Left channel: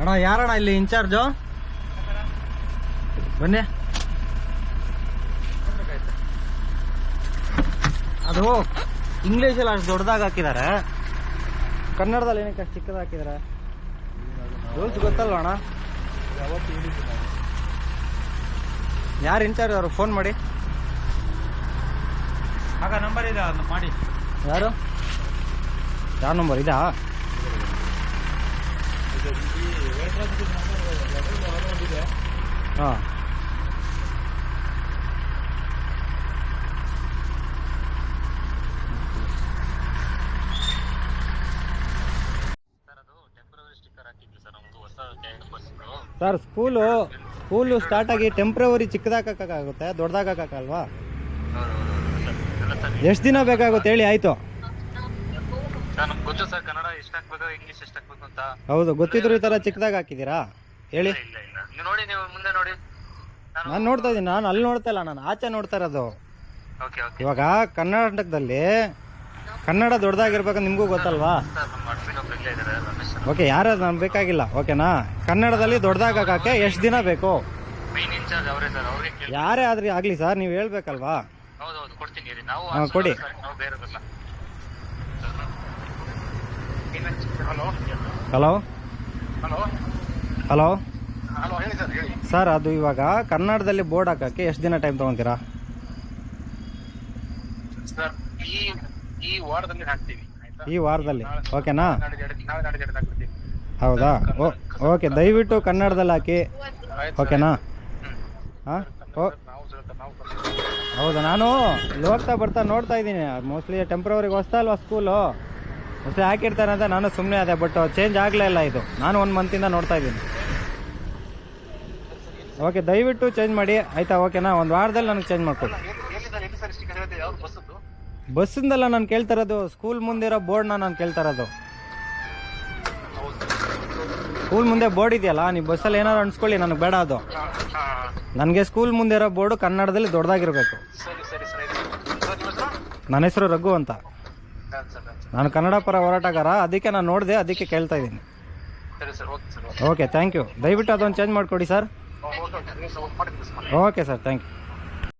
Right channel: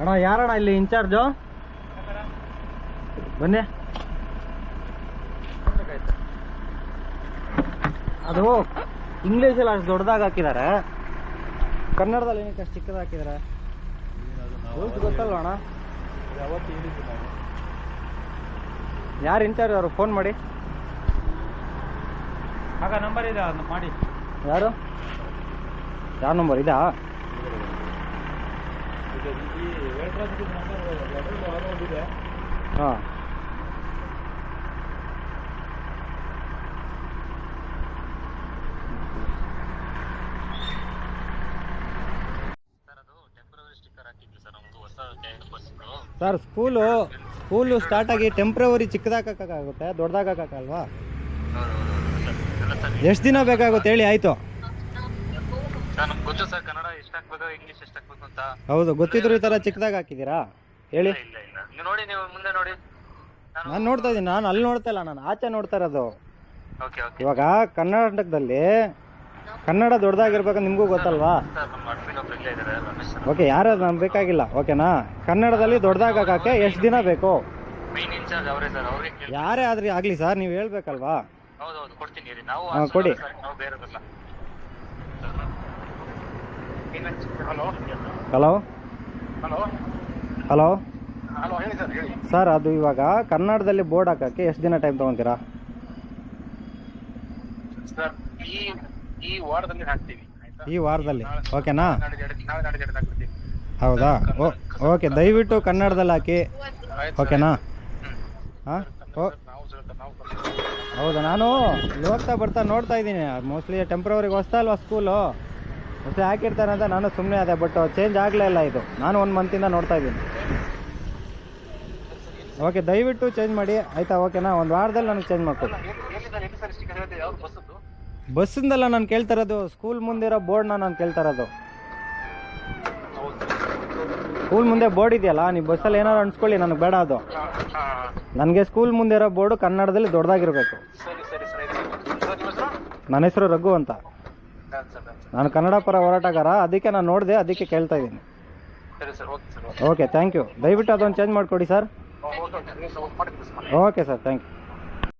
ಅಣ್ಣ ಯಾರಣ್ಣ ಇಲ್ಲಿ ಇನ್ಚಾರ್ಜು? ಬನ್ನಿ. ಅದು ಇಂಗ್ಲೀಷಲ್ಲಿ ಅಷ್ಟು ದೊಡ್ಡದಾಗಿ ಹಾಕಿದ್ದಾರೆ, ಕನ್ನಡದಲ್ಲಿ ಏನಕ್ಕೆ ಅಷ್ಟು ಚಿಕ್ಕದಾಗಿ ಹಾಕಿದ್ದಾರೆ? ರೂಲ್ಸ್ ಗೊತ್ತಲ್ವ ಅಣ್ಣ? ಯಾರು ಇನ್ಚಾರ್ಜ್? ಅವರು ಫೋನ್ ಮಾಡಿ. ಆಗ ನಂಬರ್ ಇದೆ, ಅದು ಮಾಡಿ. ಯಾರು? ಯಾವ ನಂಬರ್ ಇದಾ? ಹಾಂ. ಸರ್ ಸ್ಕೂಲು ಸ್ಟಾರ್ಟ್ ಆಗಿ ಟೆಂಪ್ರವರಿ ಚಿಕ್ಕದಾಗಕ್ಕಾಗುತ್ತೆ, ದೊಡ್ಡದಾಗಕ್ಕಾಗಲ್ವಾ? ಎಷ್ಟು ದಿನ ಬೇಕಾಗುತ್ತೆ ಹೇಳಿ? ಆಯ್ತು, ಗೊತ್ತು ಸರ್. ಕನ್ನಡ ಎಷ್ಟು ಹಾಕ್ಬೇಕು, ಇಂಗ್ಲಿಷ್ ಎಷ್ಟು ಹಾಕ್ಬೇಕು ಅಂತ. ಹೌದು, ಗೊತ್ತಿದ್ರು ಈ ಥರ ಚಿಕ್ಕದಾಗಿ ಹಾಕಿದ್ದೀರಾ ಹೇಳಿ? ನೀವು ನೋಡಿ, ನೀವು ಮುಂದೆ ನೋಡಿ. ನಾನು ನೋಡ್ತಾ ಇದ್ದೀನಿ. ನಾನು ಅಲ್ಲಿ ನೋಡ್ತಾ ಇಲ್ಲ, ನಾನು ಆಚೆ ನೋಡ್ತಾ ಇರೋದು. ಇವಾಗ ಕರ್ನಾಟಕದಲ್ಲಿ ಕನ್ನಡ ದೊಡ್ಡದಾಗಿರ್ಬೇಕಂತ ನಿಮಗೂ ಗೊತ್ತಲ್ವಾ? ಓಕೆ, ಯಾರಾದ್ರು ನಮ್ಗೆ ಬೇಕಾಗಿಲ್ಲ, ಓಕೆನಾ? ಕನ್ನಡದಲ್ಲಿ ದೊಡ್ಡದಾಗಕ್ಕೆ ಎಷ್ಟು ದಿನ ಬೇಕು? ಯಾರೇ ಆದ್ರೂ ಆಗಲಿ ಸರ್, ನೀವು ಹೇಳ್ಬೇಕಲ್ವಾ? ಹಾಂ, ಕೊಡಿ. ಹಲೋ ಹಲೋ ಸರ್, ಅದು ಇವಾಗ ಕನ್ನಡದಲ್ಲಿ ಬೋರ್ಡ್ ಹಾಕಕ್ಕೆ ಎಷ್ಟು ದಿನ ಟೈಮ್ ತೊಗೊತೀರಾ? ಈ ವಾರದಲ್ಲಿ ಓಕೆನಾ? ಹೌದಾ? ಓಕೆ, ದಯವಿಟ್ಟು ಕನ್ನಡದಲ್ಲಿ ಹಾಕಿ, ಓಕೆನಾ? ಹಾಂ, ಹೌದಾ? ನಾನು ಹೋಗ್ತಾ ಬರ್ತಾ ನೋಡ್ತಾ ಇದ್ದೀನಿ. ಮೋಸ್ಟ್ಲಿ ಟೆಂಪ್ರವರಿಗೆ ಹೊಸ್ತಾ ಅಲ್ವಾ ಸ್ಕೂಲು, ಮೋಸ್ಟ್ಲಿ ಹಾಕಿರ್ತಾರೆ ಅಂತ ನಾನು ಸುಮ್ಮನೆ ಅದೇ. ಬಟ್ ಚೇಂಜ್ ಆಗಲೇ ಇಲ್ಲ ಇದು. ನಾನು 1 ಮಂತಿಂದ ನೋಡ್ತಾ ಇದ್ದೀನಿ. ಓಕೆ, ದಯವಿಟ್ಟು ಚೇಂಜ್ ಮಾಡಿ ಆಯಿತಾ? ಓಕೆನಾ? ಒಂದು ವಾರದಲ್ಲಿ ನನಗೆ ಚೇಂಜ್ ಮಾಡ್ಕೊಡಿ. ಬಸ್ಸಿಂದಲ್ಲ ನಾನು ಕೇಳ್ತಾ ಇರೋದು, ಸ್ಕೂಲ್ ಮುಂದೆ ಇರೋ ಬೋರ್ಡ್ನ ನಾನು ಕೇಳ್ತಾ ಇರೋದು. ಸ್ಕೂಲ್ ಮುಂದೆ ಬೋರ್ಡ್ ಇದೆಯಲ್ಲ, ನೀವು ಬಸ್ಸಲ್ಲಿ ಏನಾದ್ರು ಅನ್ಸ್ಕೊಳ್ಳಿ, ನನಗೆ ಬೇಡ ಅದು. ನನಗೆ ಸ್ಕೂಲ್ ಮುಂದೆ ಇರೋ ಬೋರ್ಡು ಕನ್ನಡದಲ್ಲಿ ದೊಡ್ಡದಾಗಿರಬೇಕು. ನನ್ನ ಹೆಸರು ರಘು ಅಂತ. ನಾನು ಕನ್ನಡ ಪರ ಹೋರಾಟಗಾರ, ಅದಕ್ಕೆ ನಾನು ನೋಡಿದೆ, ಅದಕ್ಕೆ ಕೇಳ್ತಾ ಇದ್ದೀನಿ. Okay, thank you. ದಯವಿಟ್ಟು ಅದೊಂದು ಚೇಂಜ್ ಮಾಡಿಕೊಡಿ sir. Okay sir, thank you.